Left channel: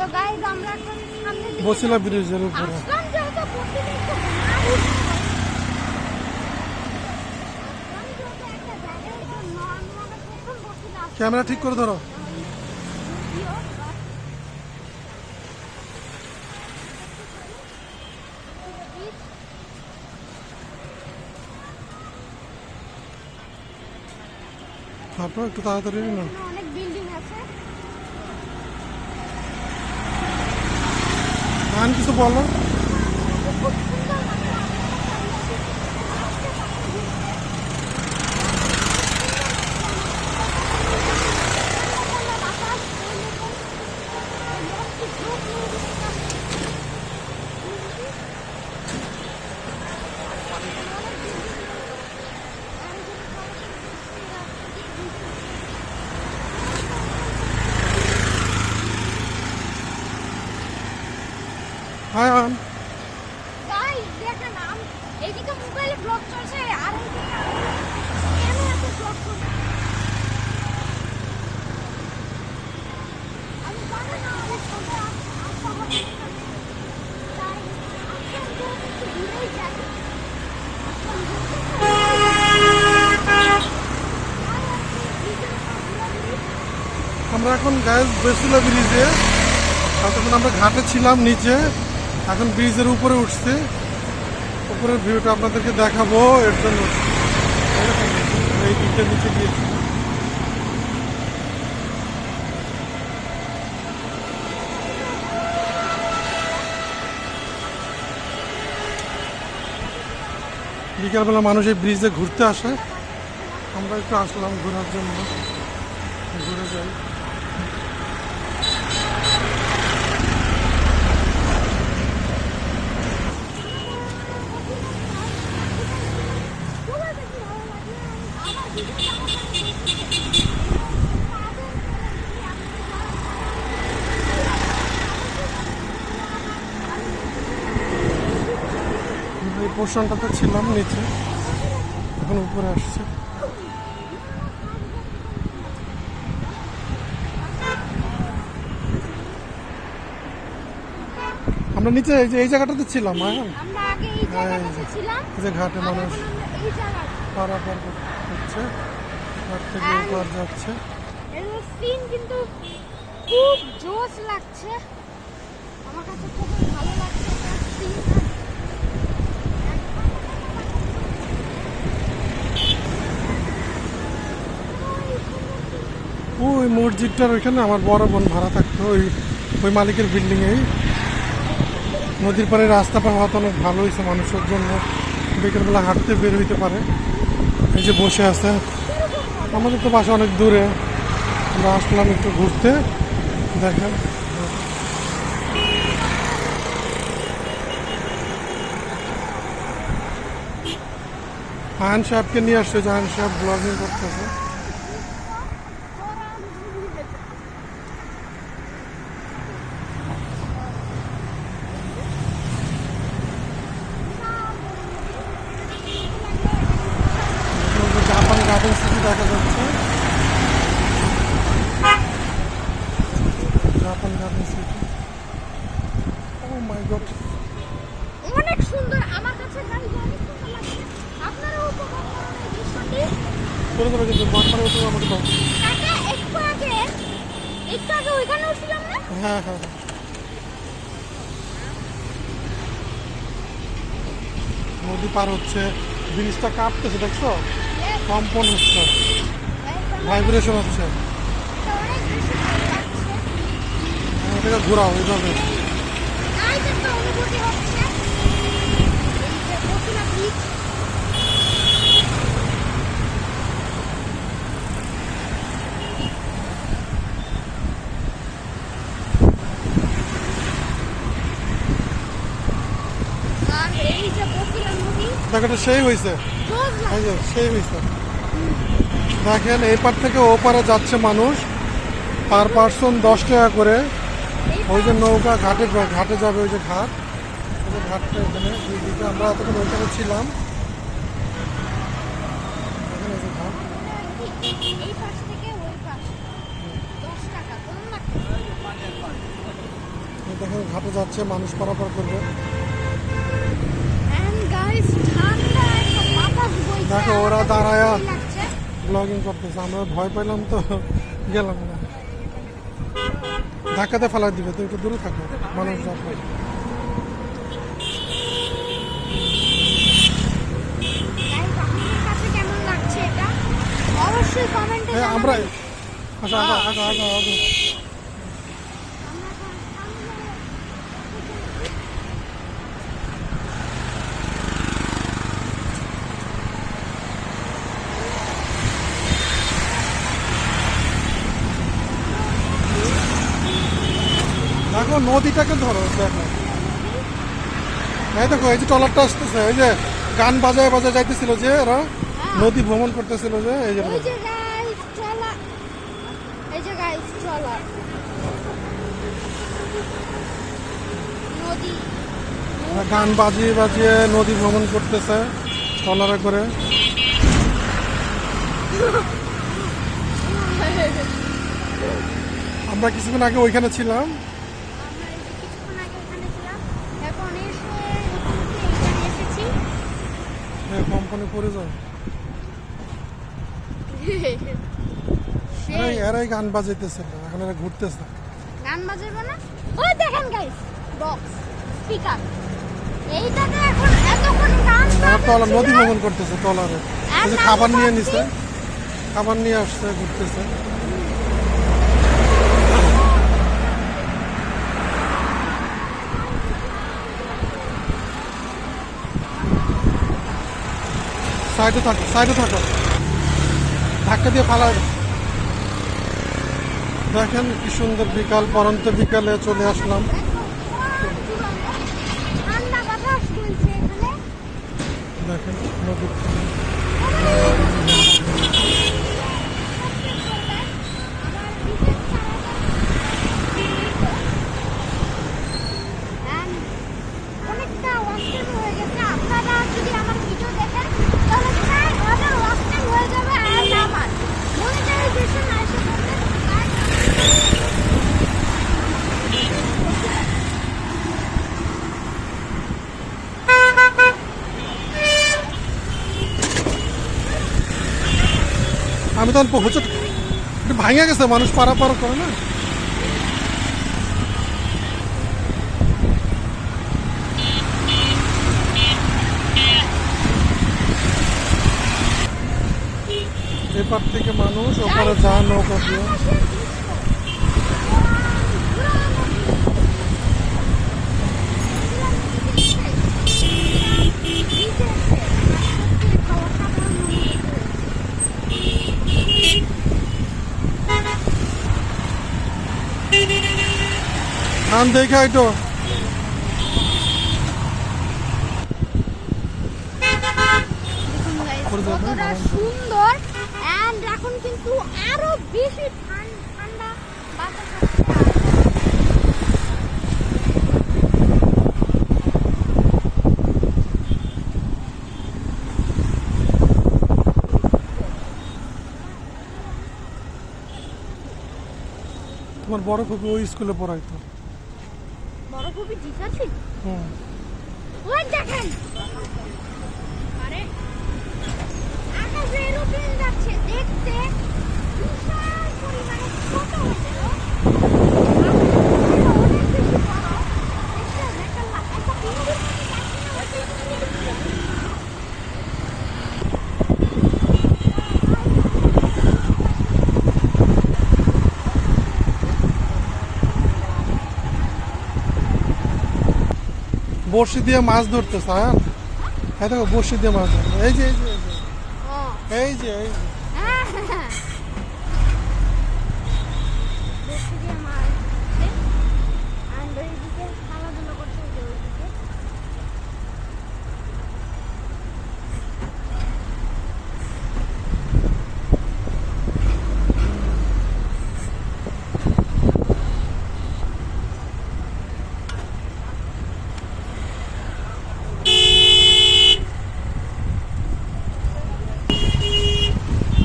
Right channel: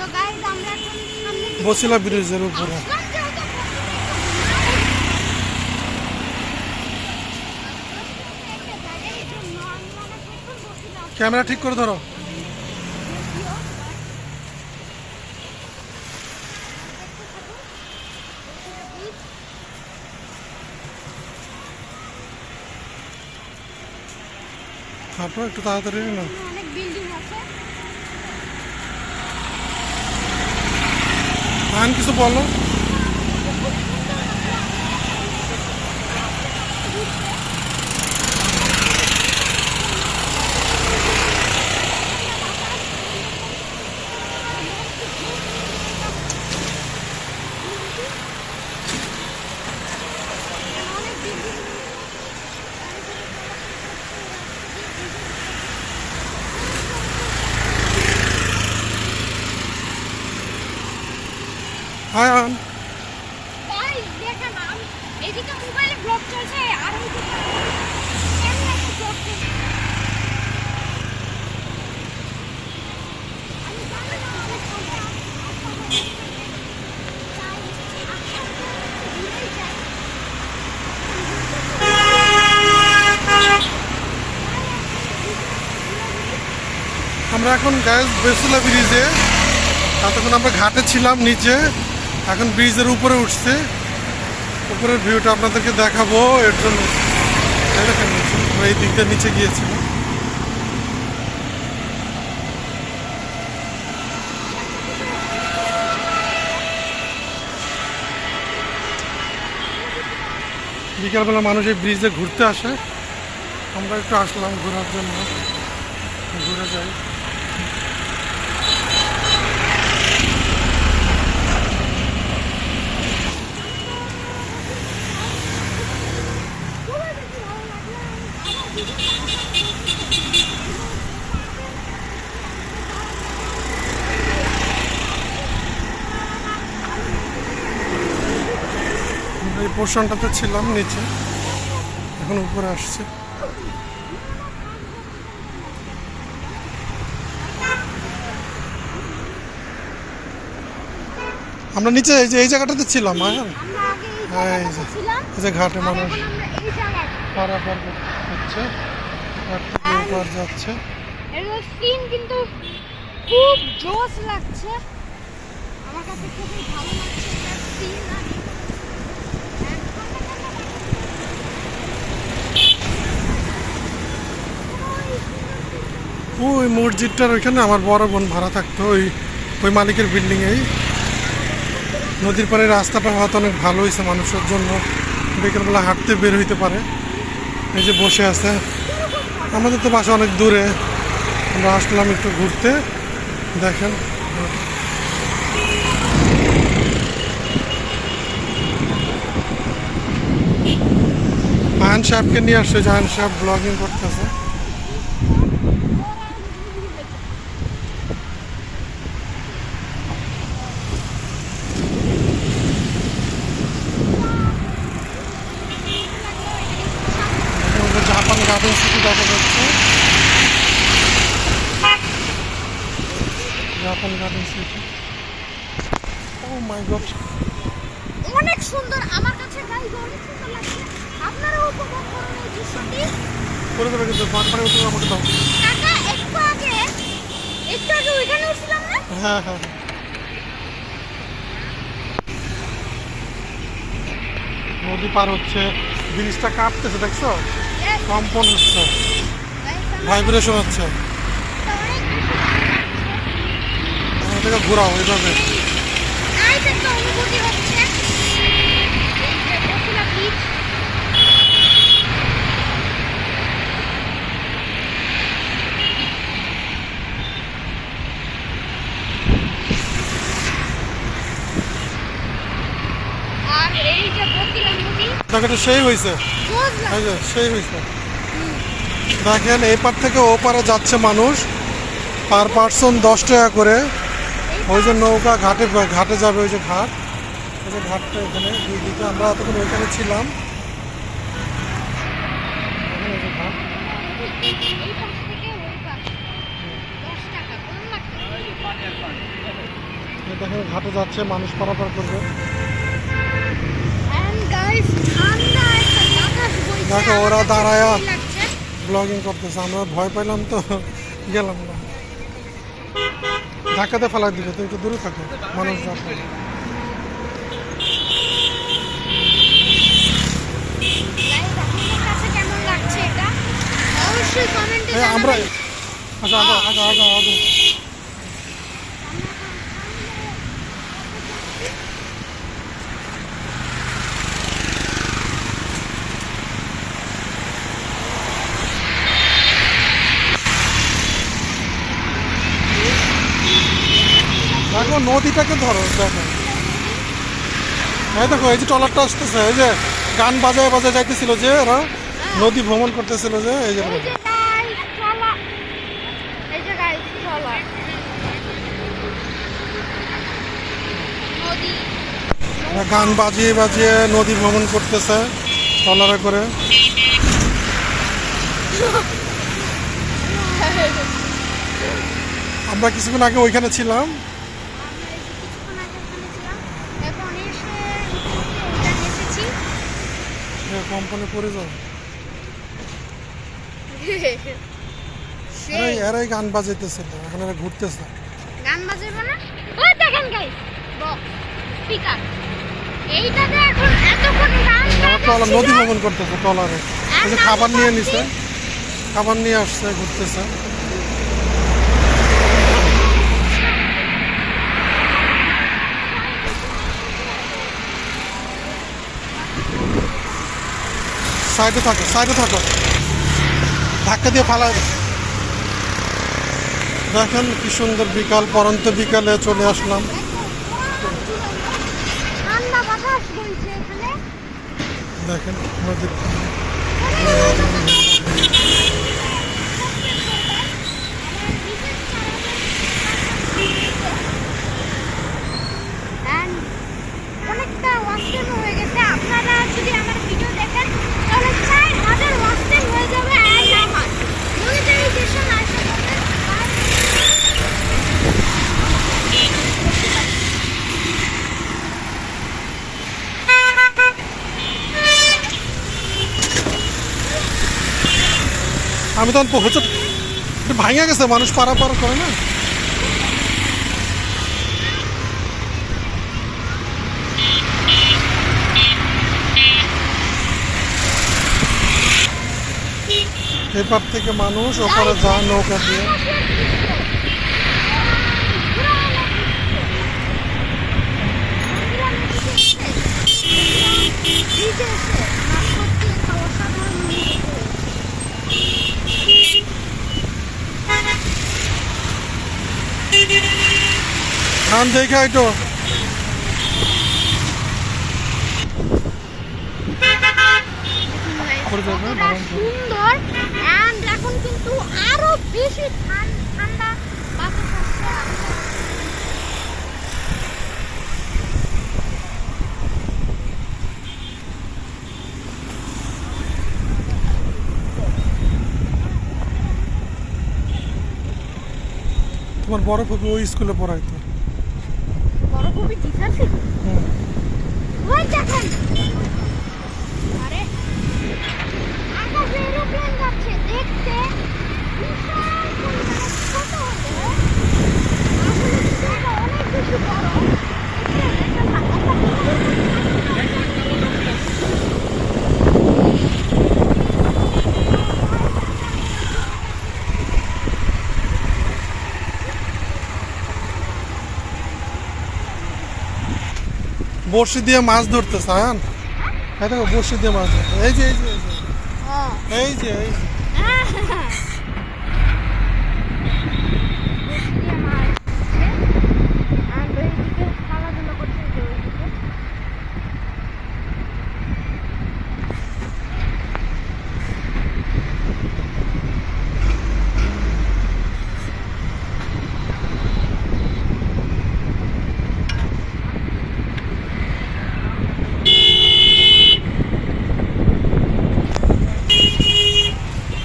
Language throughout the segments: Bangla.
বছিলা ব্রিজের উপরে। ক্যামেরা ঠিক করে ধরো। হাঁটো একটু তাড়াতাড়ি না। কিছু বলো। হাই আন। গাইস দেখেন এদিকে মোবাইলে ব্লগ চলছে আর ওইদিকে ক্যামেরাতে ব্লগ চলছে। আমি জানি না আমাদের ফোনটা আমরা এখন গাইস বছিলা ব্রিজে, তখন আমরা ঘাটে ছিলাম নিচে, এখন ব্রিজের উপরে উঠছে। উপরের ভিউটা আপনাদেরকে দেখাবো, এর জন্য দেখেন এই দিক দিয়ে নিচে গিয়েছিলাম। বিকালবেলা মানুষ এই ব্রিজে ঘুরতে আসে, আমরা একটু আসলাম ঘোরার জন্য, ঘুরে যাই। এই পোর্শনটাতে ছিলাম নিচে, এখন উপরে আসছে। আমরা নিচে এই জায়গাটাতে ছিলাম। এই যে ঘাটে মানুষ পারাপার হচ্ছে, ঘাট থেকে উপর যাচ্ছে। কিন্তু খুব জোশ লাগছে, আমার কাছে খুব ভালো লাগছে সিন। ওই মসজিদটার ওইখানে আমার বড় বোন ভাড়া থাকতো, ওই মালিকের বিল্ডিংয়েই। নদীর পাড়ে রাস্তাটা হয়তো অনেক ভালো হয়েছে মানুষের জন্য, বিকেলবেলা হাঁটতে বের হইতে পারে। এই যে বসে আছে, আমাদের তো বাসা অনেক দূরে, আমরা আসলাম একটু ঘুরতে। দেখেন আয়ন সাহেবকে নিয়ে আসছে, আয়ন সাহেব ব্লগিং করতেছে। জাপান গার্ডেন সিটি দেখা যাচ্ছে, জাপান গার্ডেন সিটি। ও মাই গড, অনেক সুন্দর, আমার কাছে গাইস অনেক সুন্দর লাগছে। আপনারাও উপভোগ করুন এই দৃশ্যটি। করে করে কিন্তু বারবার উঠে আমাকে দাও। কাকা একটু আগে ওইখানে ছিলাম না? হ্যাঁ হ্যাঁ, নদী পার হচ্ছে, ব্রিজটা কাঁপতেছে, দেখছো? কম্পন হচ্ছে, ভাইব্রেশন হচ্ছে। এটাকে ঘোরাও এইভাবে। দেখো সেই হয়েছে, সেই হয়েছে। দেখেন এই পার থেকে ও পারে যাচ্ছে মানুষ, পার পার্সন 10 টাকা করে। ওই যে নৌকা ঘাটে যাবে, ওই যে ঘাট, ওই যে ঘাটটা এখানে দুই দিকে। আমরা এতক্ষণ ওইখানে ছিলাম। দেখেন ঘাটে যাচ্ছে, মানুষ পারাপার করবে। And guys, ঠান্ডা একটা বাতাস বইছে, দেখো ওরা আমাদের দাঁড়ায়া ভালোই লাগছে। ব্লগিং করতেছে, আমরা ভয় পাইলাম তো গেলাম না। ধাক্কাতে ফেলা দিবে, তো একটু দূরে থাকো, মানুষ যাচ্ছে। Guys, আপনাদের কাছে কেমন লাগছে এটা? অবশ্যই কমেন্টে হ্যাঁ আমরা আচ্ছা আগো আগো আগো আগো। দেখো নদীটাকে ধরো, দেখো এই দেখো এই যে ট্রলারটা আসতেছে, এই যে গান বাজায় বাজায় যাইতেছিল যে ওরা নদী ভ্রমণ করতেছিল যে এই যে এই যে guys, চলা। এই যে guys, চলা। নদী। ওরা গান বাজিয়ে বাজিয়ে নদী ভ্রমণ করতেছে ট্রলারে করে। আমরা কিছুক্ষণ আগে ওইখানে ছিলাম। আমরা এই যে কিছুক্ষণ আগে ওখানে ছিলাম, এখন এসে এখানে এসেছি। কোম্পানি পড়ে যাও, সেই এরাই এরাই গান বাজাইতেছে না, এখন এরা ঘুরতেছে। গান বাজাবে না? ওই দেখেন গাইস, বক্স স্পিকার। এইটাতে এখন এতক্ষণ গান ওরা ট্রলার নদী বাজছিল। ভ্রমণ করতেছে ট্রলারে, ওই যে খাবার নিয়ে নিছে, খাবার নিয়ে আসছে, ঘুরতেছে। সাইডে থাকো, সাইডে থাকো, ধাক্কা দিয়ে ফালা। দেখেন কি সুন্দর বিকাল, পরন্ত বিকালে চলে আসলাম। ঠান্ডা বাতাস বইছে এখানে। দেখেন নদীর And অনেকটা ওয়াস্টেজ হয়ে গেছে। আপনারা যদি আমার ভিডিও দেখেন তাহলে 4000 ওয়াস্টেজ হয়ে যাবে। And আমার মনিটাইজেশন আসে যাবে। আমি তখন হচ্ছে ভাঙে গেছে, মানুষ পারাপার করে না। এপার থেকে মানুষ ওপারে যা নৌকা দিয়ে। ধান দেখে হয়তো করে যাবে, কতটা ভালো। সুন্দর। And এখন কিন্তু আরো বেশি ঠান্ডা বাতাস আসছে। তোমার বড় ফুপি ওই স্কুলে পড়াইতো। বড় খুবই টিচার ছিল। হুম। ওই দেখেন, আরে আকাশে এরোপ্লেন যাচ্ছে, দেখতে বিশাল পরিমাণে ছোট হলেও অনেক বেশি বড়। বড়শি দিয়ে মাছ ধরতেছে, হ্যাঁ এই দেখো বড়শি দিয়ে মাছ ধরতে, এই যে এই যে এই যে এই যে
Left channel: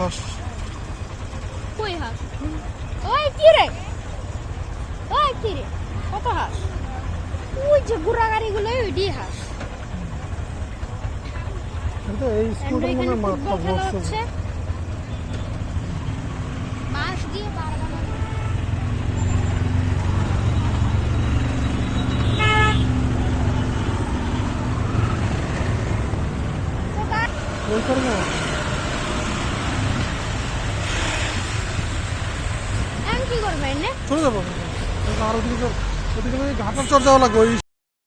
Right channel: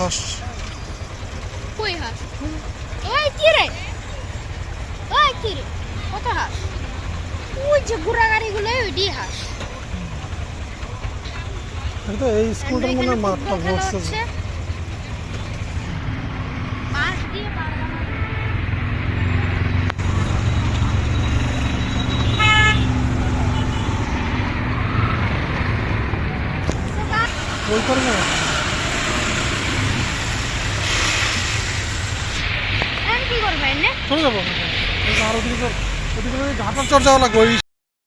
হাঁস। কই হাঁস? ওই কি রে? ওই কি রে? কত হাঁস? ওই যে গুড়া গাড়িগুলো ওইটি হাঁস। এটা এই স্কুলটার মনে হয় মাঠটা ভরছে যে। মাছ দিয়ে পারবা না। তো বা- ওই পারবো না। এখন কি করবে এনে? চলে যাবো। এই যে আর ওদিকে ঘাটার চর যাওয়া লাগবে ওই